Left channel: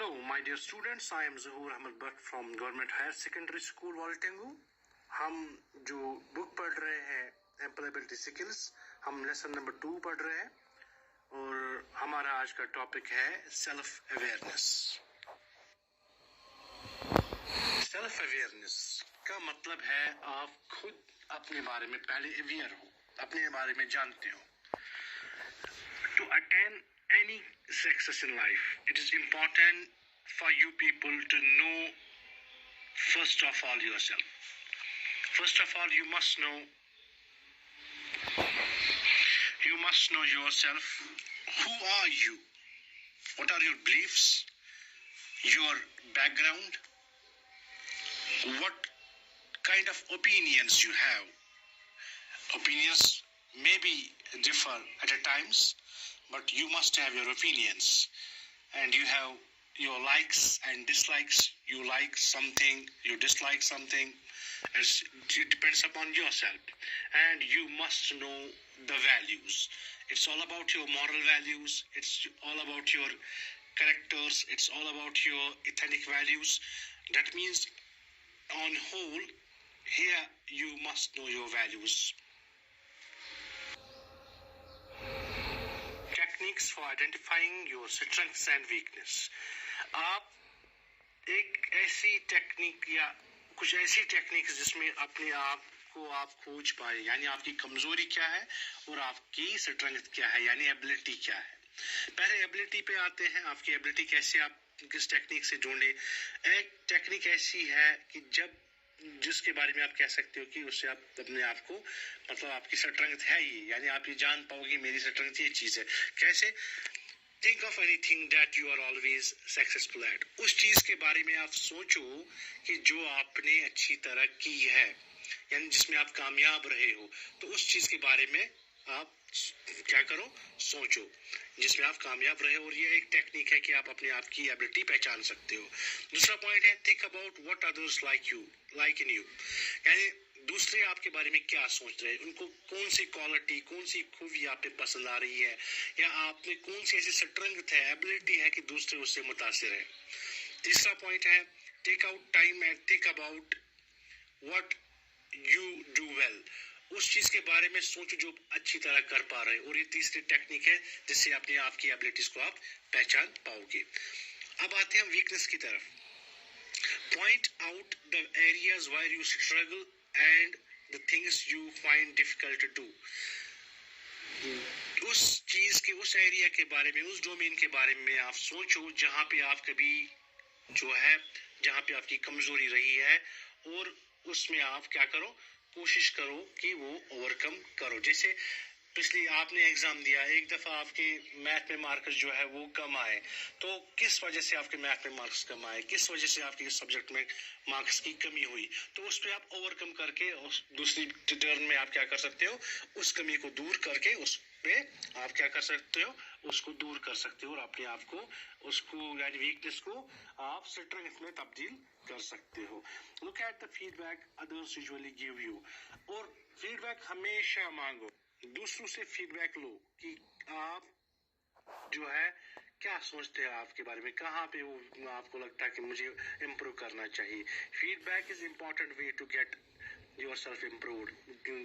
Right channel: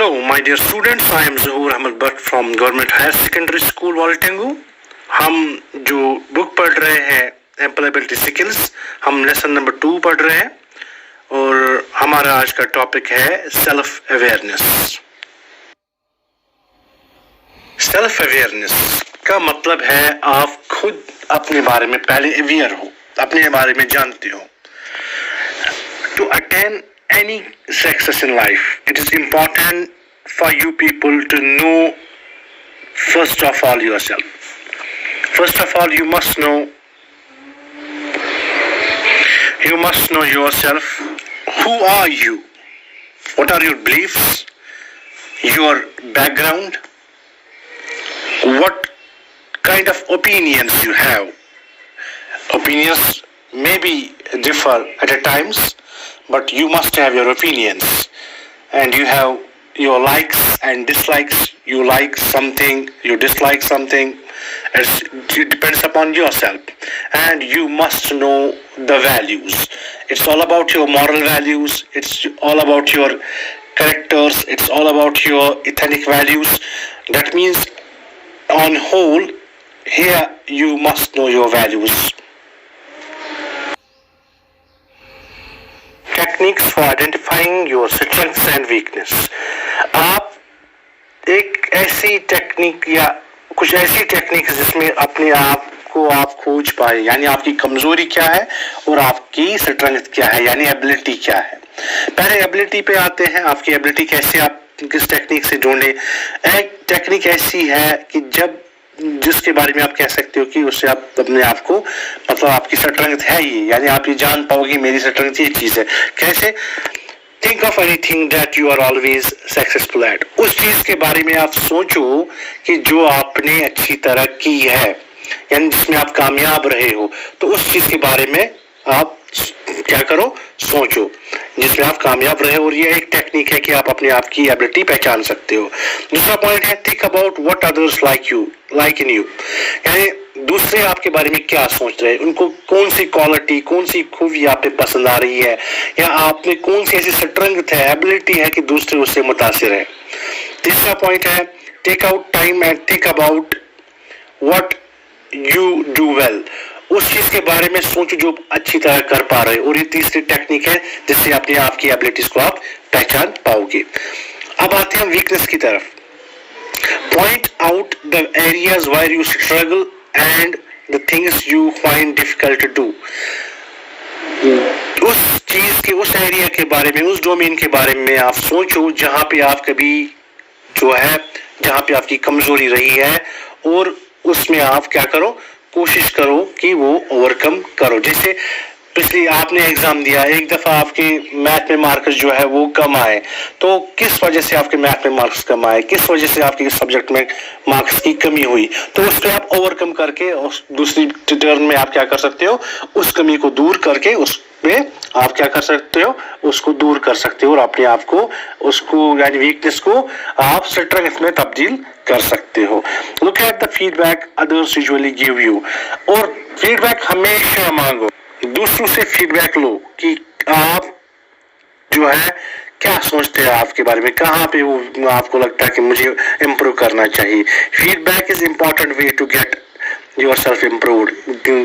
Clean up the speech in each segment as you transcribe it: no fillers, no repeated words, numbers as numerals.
Hello, my dear students. I am Zuhur Ahmed Bhatt from Government Higher Secondary School, Waltengu. हम जो book पढ़ रहे हैं employability skills, हम लेसन नंबर 2 पढ़ रहे हैं और हमारा आज का टॉपिक है सेल्फ अवेयरनेस। सेल्फ अवेयरनेस का मतलब है आप खुद अपने बारे में पहले अवेयर हो, अपने बारे में जानते हो। To attain any success in life, it is important for you people to know first of all yourself. First of all, you must know yourself. Who are you? What are your beliefs? Your background? What kind of opinions you have? Opinions maybe differ at times, but you must have your opinions, and you have your likes and dislikes. You like something, you dislike something. It depends upon yourself, and you must know the values. It's all about your moral values. It's all about your characters. It's all about your ethnic values. That means, on whole, here you must know your values. Techniques for identifying your strengths and weakness. आप एक ऐसी technique या कुछ ऐसी technique जिसमें अपने आप को आप खोज पाए, यानी आपकी कमजोरी क्या है और आपकी स्ट्रेंथ क्या है, यानी एबिलिटी क्या है। पहले एबिलिटी पे आते हैं, आपकी एबिलिटी कैसे आप किस टेक्निक से ढूंढे। एक टेक्निक ऐसी है कि जिसके बारे में आप कह सकते हो कि उससे आप अपने आप को, मतलब आपकी स्ट्रेंथ है ये, यानी आप ये जान पाओगे मेरी स्ट्रेंथ ये चीज है। कैसे? Think of anything that you are always successful at. उस चीज के बारे में आप सोचो कि जो आपने अच्छी तरह की है, यानी जिसमें आप कामयाब रहे हो, तो उस चीज के बारे में आप क्या करो, सोचो जिसमें आप कामयाब रहे। और ये एक टेक्निक है कि आप अपने आप की एबिलिटी पहचान सकते हो। दूसरा पॉइंट है think about what others like in you, यानी दूसरे आपके बारे में क्या सोच रहे हैं, उनको कौन सी क्वालिटी, कौन सी खूबी आप पे पसंद आ रही है, या आप में कौन सी ऐसी स्ट्रेंथ है, एबिलिटी है कि दूसरे उससे मुतासिर है। तीसरा पॉइंट है take out time and think about what you do well, उस चीज के बारे में सोचो जो अच्छी तरह कर पा रहे हो। और ये तीसरी टेक्निक है जिससे अपने आप की एबिलिटीज को आप पहचान पाओगे। अब आते हैं वीकनेस की तरफ। Point out the areas where you struggle and the things you find difficult to do. उस चीज के, उस एरिया के बारे में, उस डोमेन के बारे में आप सोचो जहां पे आप कभी जो है, जहां पे आपकी कमजोरी रही है, और उसमें आप क्या करो, कोशिश करो कि वो ओवरकम करो। जैसे पिछली आपने एग्जाम दिया, एक दफा आपके मैथ में मार्क्स जो है वो कम आए, तो किस वजह से आपके मैथ में मार्क्स कम आए, किस वजह से आपके सब्जेक्ट में मार्क्स की कमी हुई, तो उस पर आप ओवरकम करके उस दूसरी टर्न में आप क्या कर सकते हो, उस कमी को दूर करके उस पे आप क्या कर सकते हो, उसको दूर कर सकते हो और अपने आप को, उसको यानी वीकनेस को आप स्ट्रेंथ में तब्दील कर सकते हो। Look at the feedback others usually give you, और फीडबैक हमेशा मांगो, दूसरों से फीडबैक लो कि आप जो है क्या सोचते हैं आपके बारे में, कहाँ पे वो आपको लगता है कि मुझे इम्प्रूव करना चाहिए। Feedback is important way to get yourself improved,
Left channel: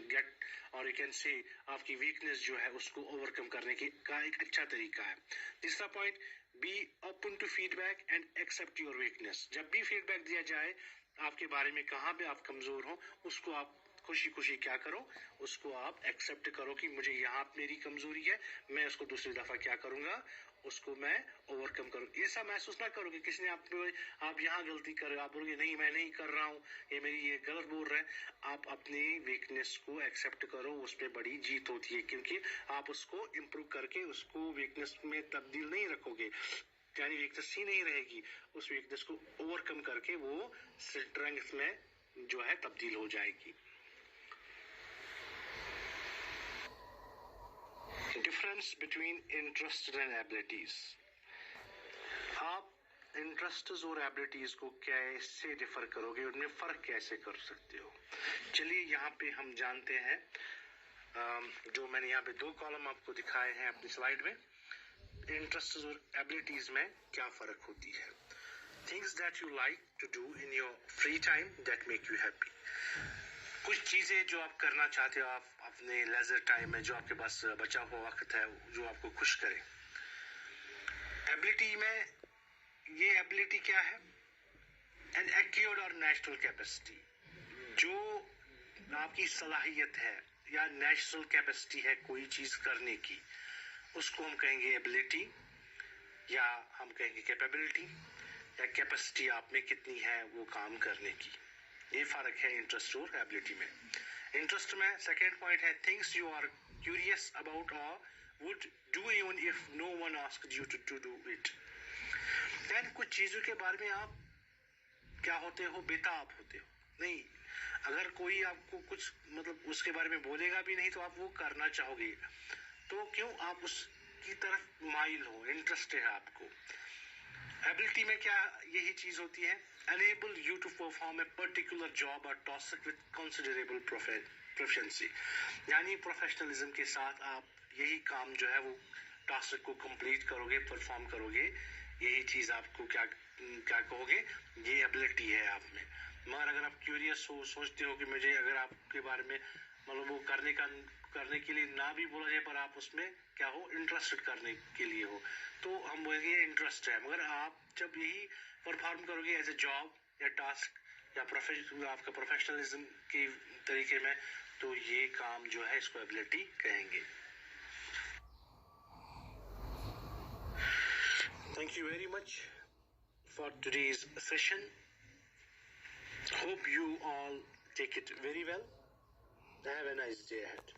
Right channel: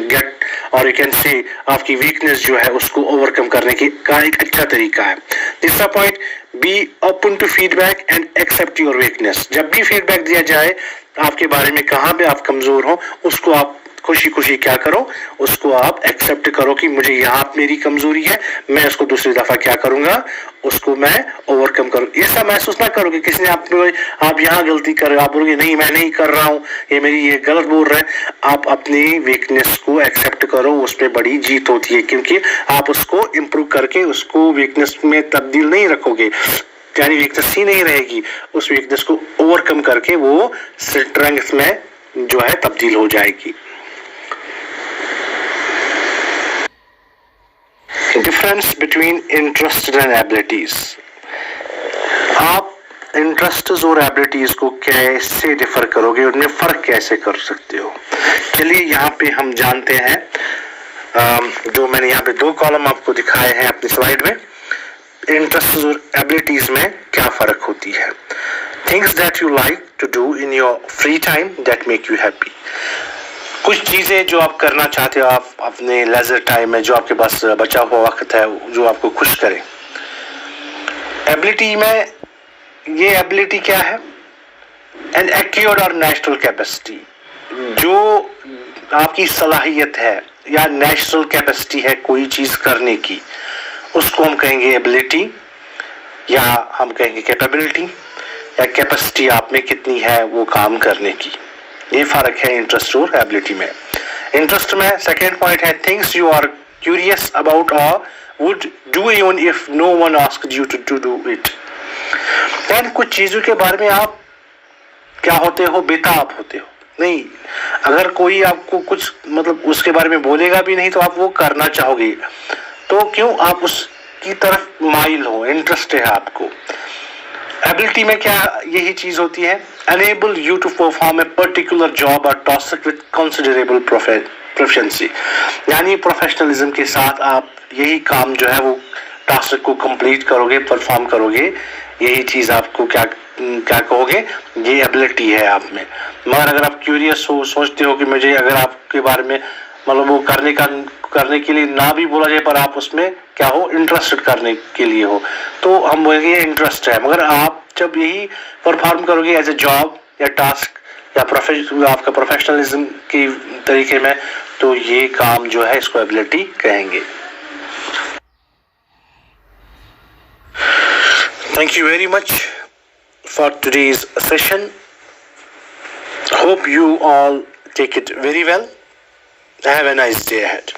get, और you can say आपकी वीकनेस जो है उसको ओवरकम करने का एक अच्छा तरीका है। तीसरा point, be open to feedback and accept your weakness. जब भी फीडबैक दिया जाए आपके बारे में, कहाँ पे आप कमजोर हो, उसको आप खुशी खुशी क्या करो, उसको आप एक्सेप्ट करो कि मुझे यहाँ मेरी कमजोरी है, मैं उसको दूसरी दफा क्या करूंगा, उसको मैं ओवरकम करूँ। ऐसा महसूस ना करो कि किसी ने आप यहाँ गलती कर रहे हो, आप बोलोगे नहीं मैं नहीं कर रहा हूँ, ये गलत बोल रहे हैं। आप अपनी वीकनेस को एक्सेप्ट करो, उसमें बड़ी जीत होती है, क्योंकि आप उसको इम्प्रूव करके उसको वीकनेस में तब्दील नहीं रखोगे, यानी वीकनेस ही नहीं रहेगी, उस वीकनेस को ओवरकम करके वो स्ट्रेंथ में जो है तब्दील हो जाएगी। Difference between interest and abilities. आप इंटरेस्ट्स और एबिलिटीज को कैसे डिफर करोगे, उनमें फर्क कैसे कर सकते हो। चलिए यहाँ पे हम जानते हैं, जो मैंने यहाँ पे 2 कॉलम आपको दिखाए हैं अपनी स्लाइड में। इंटरेस्ट और एबिलिटीज में क्या फर्क होती है. Things that you like to do in your free time that make you happy. कुछ चीज़ें जो आप करना चाहते हो आप अपने लेजर टाइम में, जो आपके पास बचा हुआ वक्त है, जो आपको खुश करे. एबिलिटी में ये एबिलिटी क्या है? एन एक्योर्ड और नेचुरल कैपेसिटी. जो आपकी सलाहियत है या नेचुरल कैपेसिटी है कोई चीज़ करने की, उसको हम कहेंगे एबिलिटी, या हम कहेंगे कैपेबिलिटी, या कैपेसिटी आप में कितनी है वो काम करने की. ये फर्क है इंटरेस्ट और एबिलिटी में. इंटरेस्ट में सेकेंड पॉइंट है things you are curious about और would do even if no one asked you to do it. यानी कुछ चीज़ों के बारे में आप क्या होते हो, बेताब होते हो. नहीं, अगर कोई आपको कुछ मतलब उसके बारे में बोलेगा भी नहीं तो आप वो करना चाहोगे. तो क्यों? आप उसकी तरफ माइल हो, इंटरेस्ट है आपको. एबिलिटी में क्या यही चीज होती है? enable you to perform a particular job or task with considerable proficiency. यानी प्रोफेशनलिज्म के साथ आप यही काम जो है वो टास्क को कंप्लीट करोगे, परफॉर्म करोगे. यही चीज आपको क्या कहोगे? ये एबिलिटी है आप में. मगर अगर आप क्यूरियस हो, सोचते हो कि मुझे अगर आपके बारे में मतलब वो करने के लिए ना भी बोला जाए पर आप उसमें क्या हो, इंटरेस्टेड करने के लिए हो, तो हम बोलेंगे इंटरेस्ट है. मगर आप जब यही परफॉर्म करोगे एज ए जॉब या टास्क या आपका प्रोफेशनलिज्म की तरीके में, तो ये काम जो है इसको एबिलिटी कहेंगे. Thank you very much for today's session. Hope you all take it very well. Have a nice day ahead.